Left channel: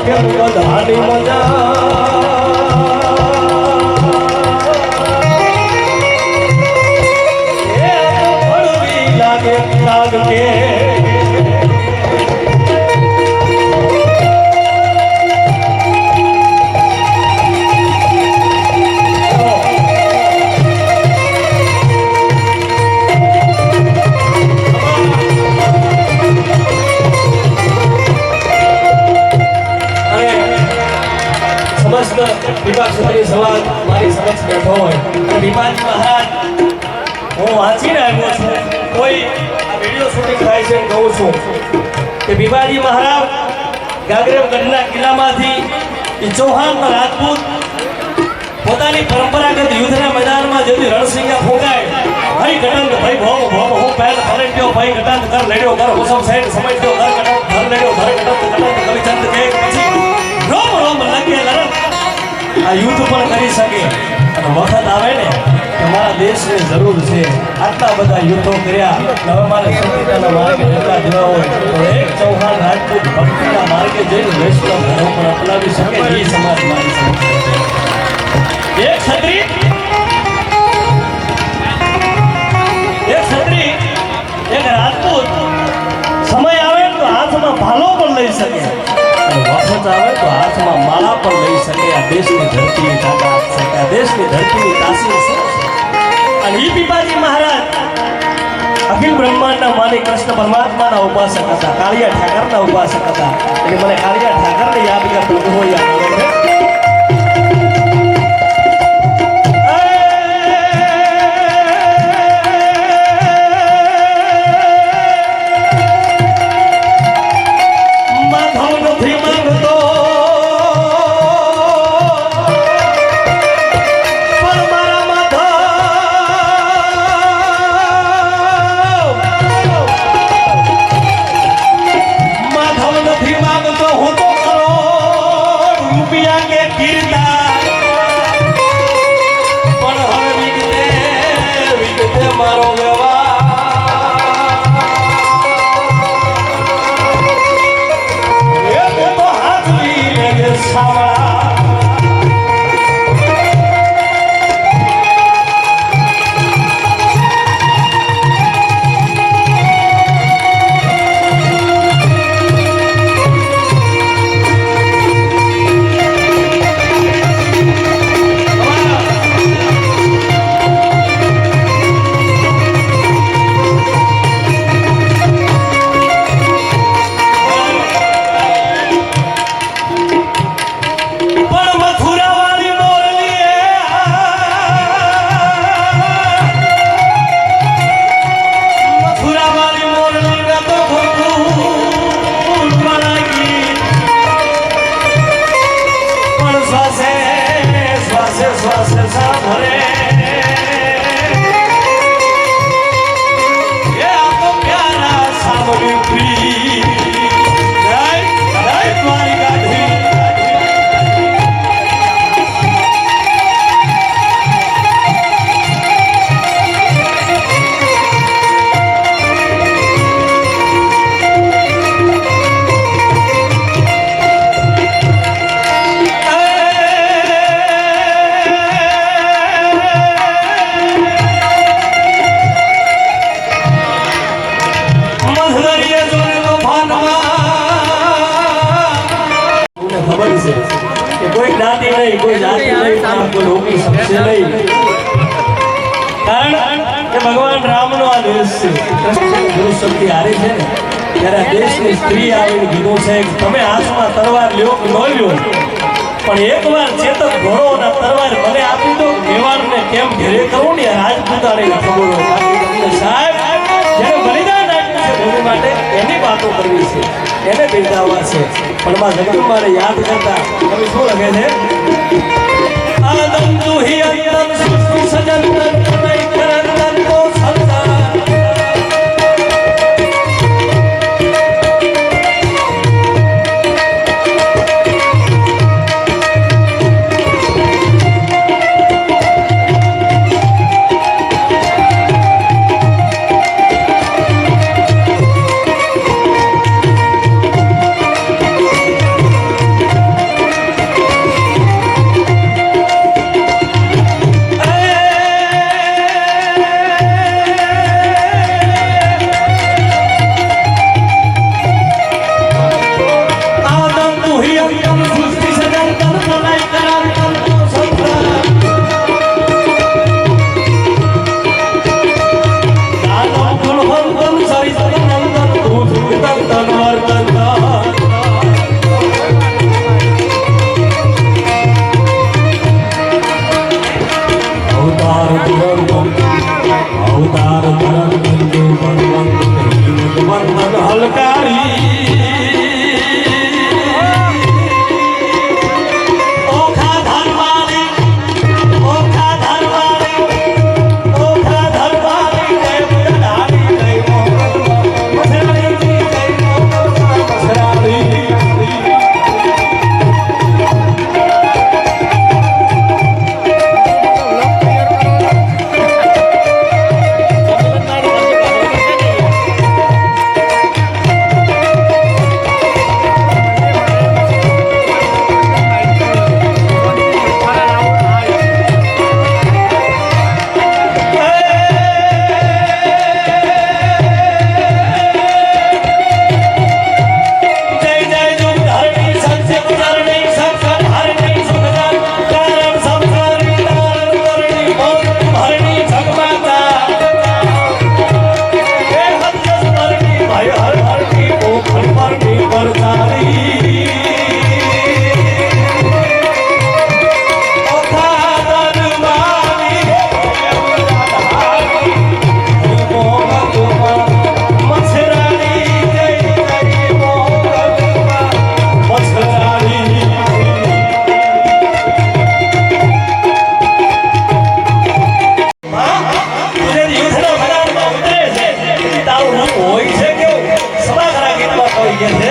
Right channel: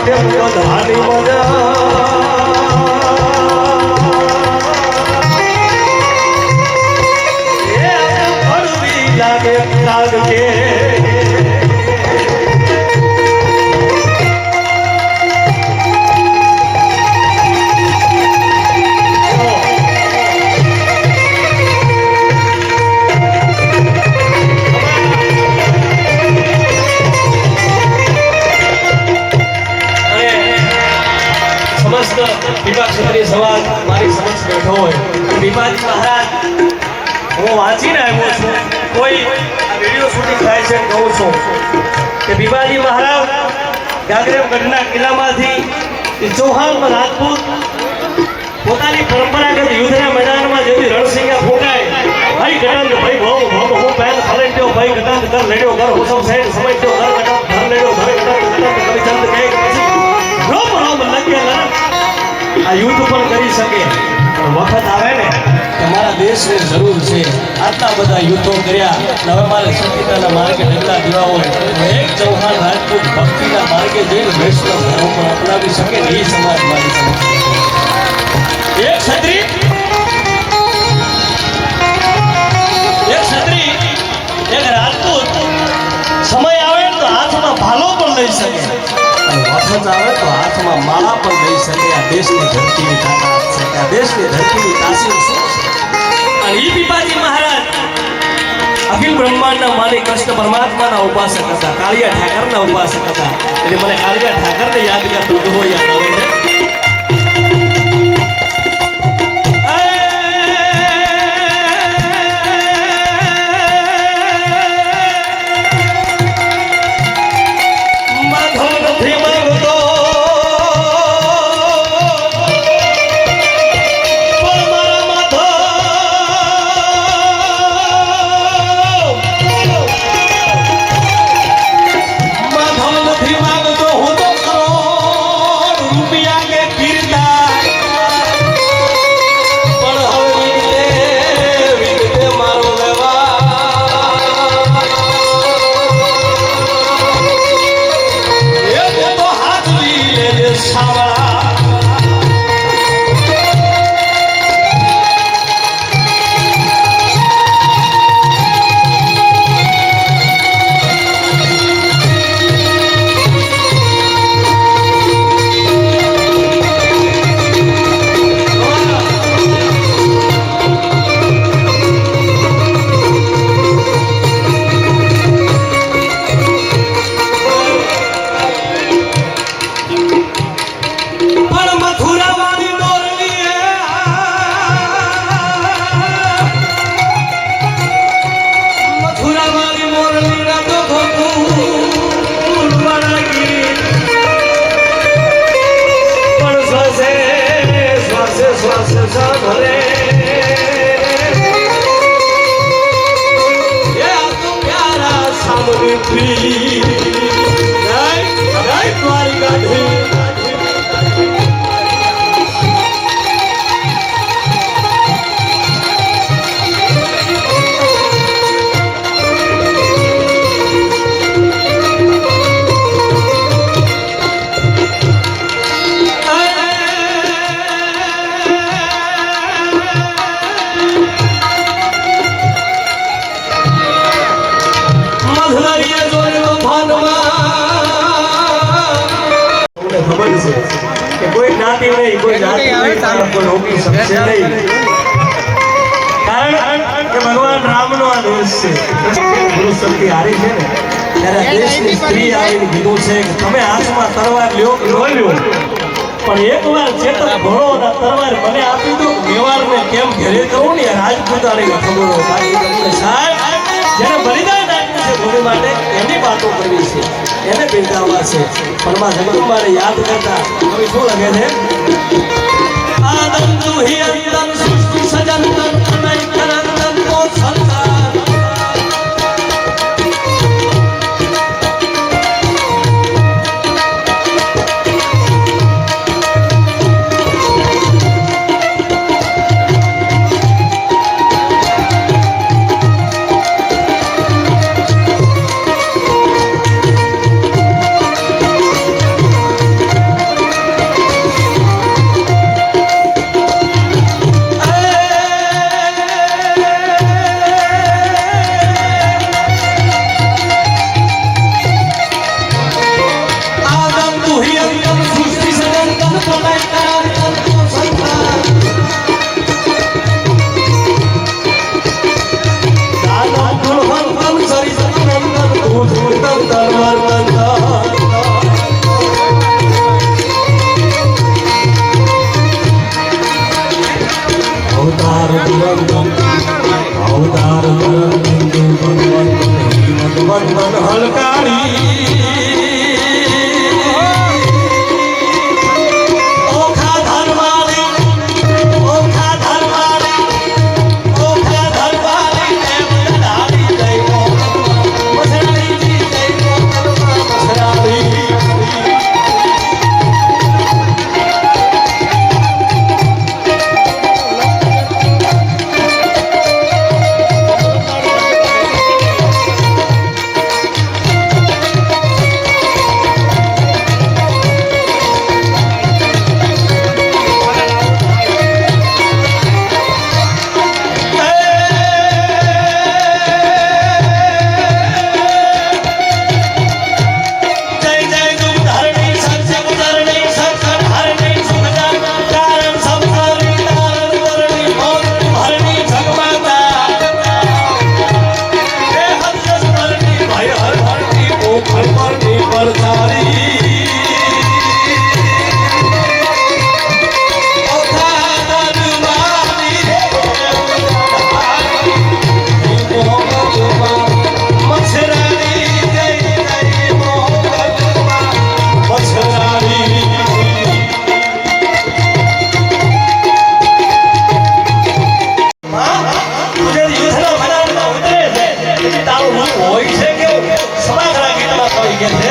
ઉઠે બધાની મજા એ હળવી લાગે લાગ કે સવાલ મારી સમક્ષ બેઠો હોય દીપાજી મહારાજ હું વાંચીને આવ્યો છું કોઈ આ વિડીયો શૂટિંગ થાય છે કહું છું કે દીપાજી મહારાજ ગાગરેવગઢના કિલ્લામાંથી એ ચૌહાણ રાજપૂત પોતાની પરંપરાગત યુદ્ધના મેદાનમાં જેથી રણસિંગા ફોગાય ભાઈ ગણન ભાઈ ભવ ભવ હું પહેલ ફરંટ્યો ભાઈ ગટમ કર લેડ્યો કર હુસમ સાઈડ સમજ્યો કર ગટમ ઘર લેડ્યો ઘર ગટમ ગટમ કવિચંદ કે પછી રોમ રોમ લગે લર આ યુદ્ધ પણ કરી શકે અને વખત આવે ને તમારા દેશની જરૂર છે આટલા બધા યુદ્ધો કર્યા હવે મારે સત્યતાના માર્ગે એટલા દેવા હોય તો એક ચૌહાણ રાજપૂત ભક્તિના માર્ગે જઈને દેશનો ધર્મ પણ અપનાવી શકે એ સમાજ મારી સમક્ષ એક ક્ષત્રિય એક રાજપૂત સમય આવે તો હાથમાં ભાલો પણ લઈ શકે અને વખત આવે તો હાથમાં માળા પણ લઈ શકે આ દેશની ધરતીની તાકાત છે આ દેશની ધરતીની તાસીર છે અને ઈ પીપાજી મહારાજ અખિલ બ્રહ્માંડના માલિક કૃષ્ણ પરમાત્માના ઉપાસક હતા કાળિયા ઠાકરના ઉપાસક હતા એટલે મને કાળિયા ઠાકરને યાદ કરતું હોય યાદ આવે છે કોઈ જ્ઞાતિ નહીં કોઈ જાતિ નહીં કોઈ રોકી શકશે નહીં કારણ કે ભગવાન રામનો આ દેશ છે ગુરુશક્તિ હારી છે ને ત્યારે દેશની સ્ત્રી આવીને કીધું છે કે તમે હાથમાં તલવાર લ્યો કે ન લ્યો પણ એકવાર ચેતક ઘોડો અને તલવાર મને આપી દો મેવાડને કેમ ઘરે કહું ને રાજપૂતાણી ખબર સાહેબ જેને બલિદાન આપ્યું માટે એની વાતો કરવી છે એને બિરદાવવા છે પણ માં જગદંબાને યાદ કરતા કવિ શું લખે છે આનંદ હિ અંતન સૃષ્ટિ સજન તન કરંતન કો સંસાર કે